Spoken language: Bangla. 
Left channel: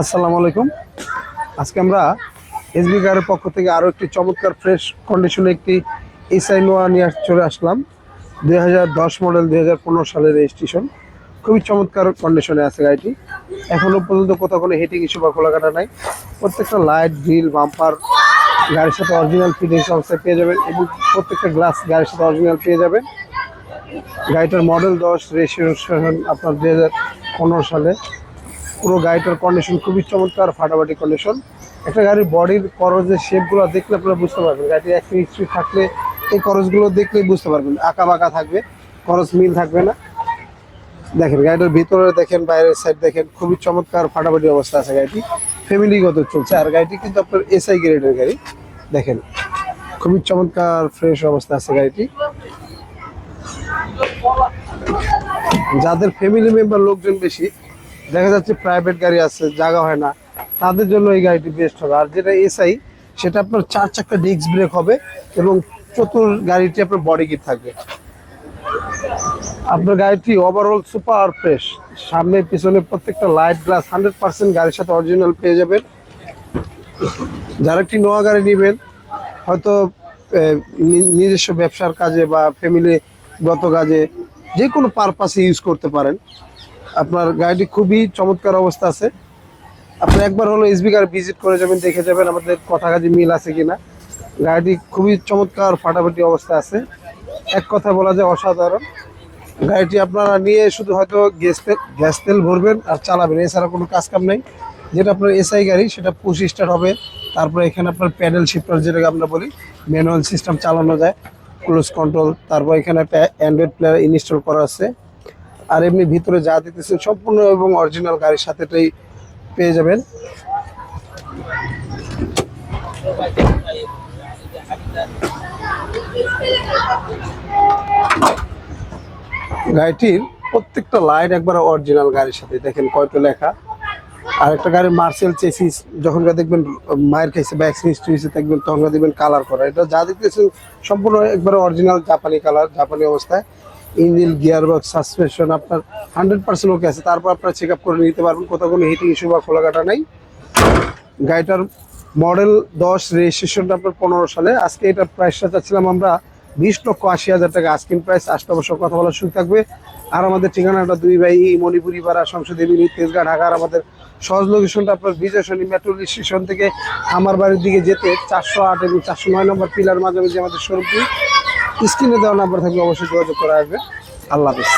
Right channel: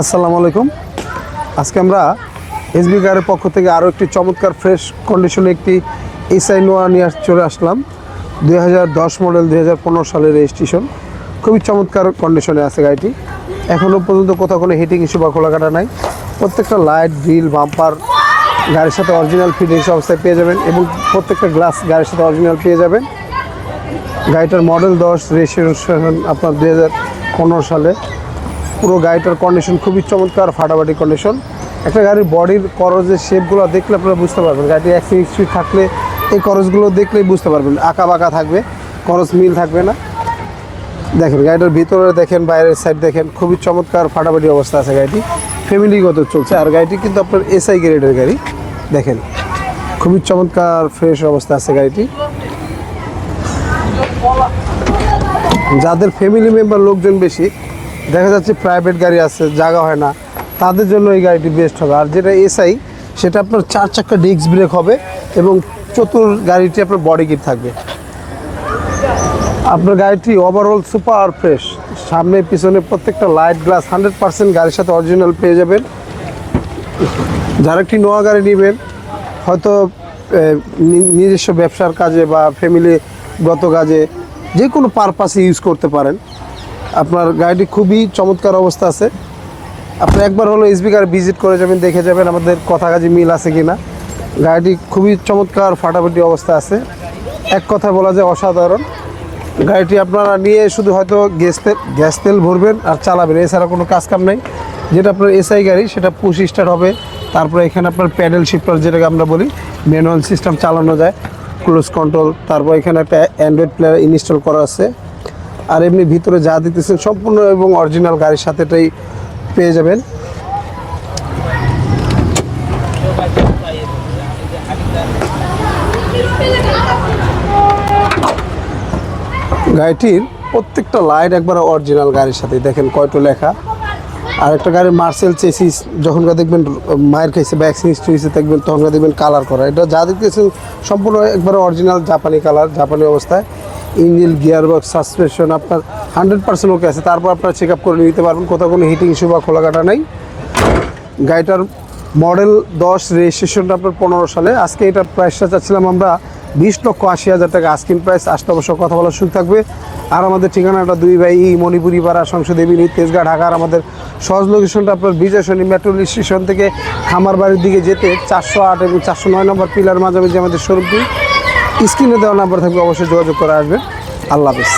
আসসালামু আলাইকুম। আজকে আমরা এসবি কারের পক্ষ থেকে আরও একটি চমৎকার ফ্রেশ কন্ডিশনে একটি এসআই নোয়া নিয়ে চলে আসলাম। 2010 মডেল, 2015 সালের রেজিস্ট্রেশন। খুবই চমৎকার কন্ডিশনে আছে গাড়িটি। এখনও পর্যন্ত কোথাও কোনো হিটিং ইস্যু বা খোলাকাটা নাই। প্রত্যেকটা লাইট, গ্রিল, বাম্পার গাড়ির সাথে অরিজিনাল ফিটিংস অবস্থায় পেয়ে যাবেন এবং প্রত্যেকটা গ্লাস গাড়ির সাথে অরিজিনাল পেয়ে যাবেন। গাড়িটার মডেল 10, রেজিস্ট্রেশন আপনার 2015 সালে। পুরো গাড়িটার কন্ডিশন খুবই চমৎকার, ফাটাফাটি কন্ডিশন। একটা গাড়ির বডির করজের শেপগুলো দেখলে আপনারা বুঝতে পারবেন। গাড়িটি অ্যাক্সিডেন্ট হিস্ট্রি থাকলে এই করজগুলো দেখলেই বুঝতে পারবেন। আঁকা বাঁকা থাকবে, করজ মিল থাকবে না। দেখেন গাড়িটার ভিতরে দেখেন, বাইরের সাইড দেখেন, খুবই চমৎকার ফাটাফাটি অবস্থা আছে গাড়িটি। ফ্যামিলিগত চলছে। আর গাড়িটি কিন্তু আপনার এসআই গ্রেডের গাড়ি। দেখেন খুবই চমৎকার ফ্রেশ অবস্থা আছে গাড়িটি। যাদের ফ্যামিলি মেম্বার লোকজন বেশি, দেখা যাচ্ছে প্রাইভেট গাড়ি আছে, জায়গা হয় না, তাদের জন্য এই গাড়িটি বেস্ট হবে। আর যেটা এসআই, সেটা আপনার 4 চাকা ডিস্ক ব্রেক হবে এবং গাড়িটি আপনার বডি কিট থাকবে। আপনার গাড়িটি ওভারঅল সুপার ফ্রেশ। সামনে পিছনে প্রত্যেকটা লাইট, গ্লাস 100% গাড়ির সাথে অরিজিনাল পেয়ে যাবেন। যারা একটি নোয়া গাড়ি নেবেন, হয়তো নিজস্ব ব্যবসার কাজে বা ফ্যামিলিগত কাজে, যে কোনো পারপাসে ইউজ করতে পারেন। আপনার গাড়িটি খুবই চমৎকার অবস্থা আছে। আপনি একবার হলো এসবি কার ভিজিট করে যাবেন, দেখে যাবেন আমাদের কথা কাজে মিল আছে কিনা। গাড়িটি খুবই চমৎকার ফাটাফাটি অবস্থা আছে। এক কথা বলা যায় অসাধারণ। গাড়িটি আপনারা নিয়ে শুধু হয়তো গ্যাস তেল ভরবেন আর চালাবেন, এছাড়া কোনো কাজ কাম নেই। যেটা আপনার এসআই গাড়ি, সেটা পুশ স্টার্ট হবে। তারপরে এখানে আপনার প্যাডেল শিফটার, যেটাকে আমরা বলি ম্যানুয়াল সিস্টেম চালানো যায়, ক্লোজ কন্ট্রোল। তারপর এখানে একটা অ্যান্ড্রয়েড প্লেয়ার ইনস্টল করা আছে। আর এমনি ভিতরে যা দিতেছেন সম্পূর্ণ এবং অরিজিনাল গাড়ির সাথে এটাই পেয়ে যাবেন। গাড়িটির প্রত্যেকটা লাইট একবার অরিজিনাল গাড়ির সাথে। দেখেন কয়টো লেখা। আর একটা গাড়ির মার্সেল চেসিস যখন দেখবেন মায়ের কাছে ভ্যাকসিন হিস্ট্রি দেখবেন, তখন দেখবেন কালার করা। এটা যা দেখতেছেন সম্পূর্ণ একবার অরিজিনাল জাপানি কালার, জাপানি অবস্থায়। ইঞ্জিন, গিয়ারবক্স, সাসপেনশন আপনার 100% ওকে আছে। তারপর আপনারা চেক আপ করে নিতে পারবেন, কোথাও কোনো হিটিং ইস্যু বা খোলাকাটা নেই। গাড়িটার মডেল 10, রেজিস্ট্রেশনটা আপনার 15 সালে। আজকে এটার প্রাইসটা চাচ্ছিলাম আমরা 20,80,000 টাকা আস্কিং প্রাইস। আসতে অবশ্য কথা বলার সুযোগ থাকবে। আর আমাদের ঠিকানাটা 2 বাই মণিপুরি পাড়া, সংসদ এভিনিউ, তেজগাঁ, ঢাকার। আমাদের সহজ লোকেশনটা আপনার বিজয় সরণি মেট্রো স্টেশন থেকে খামার বাড়ির দিকে যেতে 408 এবং 409 নম্বর পিলার মাঝামাঝি আমাদের শোরুমটি। স্ক্রিনে দেওয়া নাম্বার থাকবে, অবশ্যই যোগাযোগ করে আসবেন। আল্লাহ হাফেজ।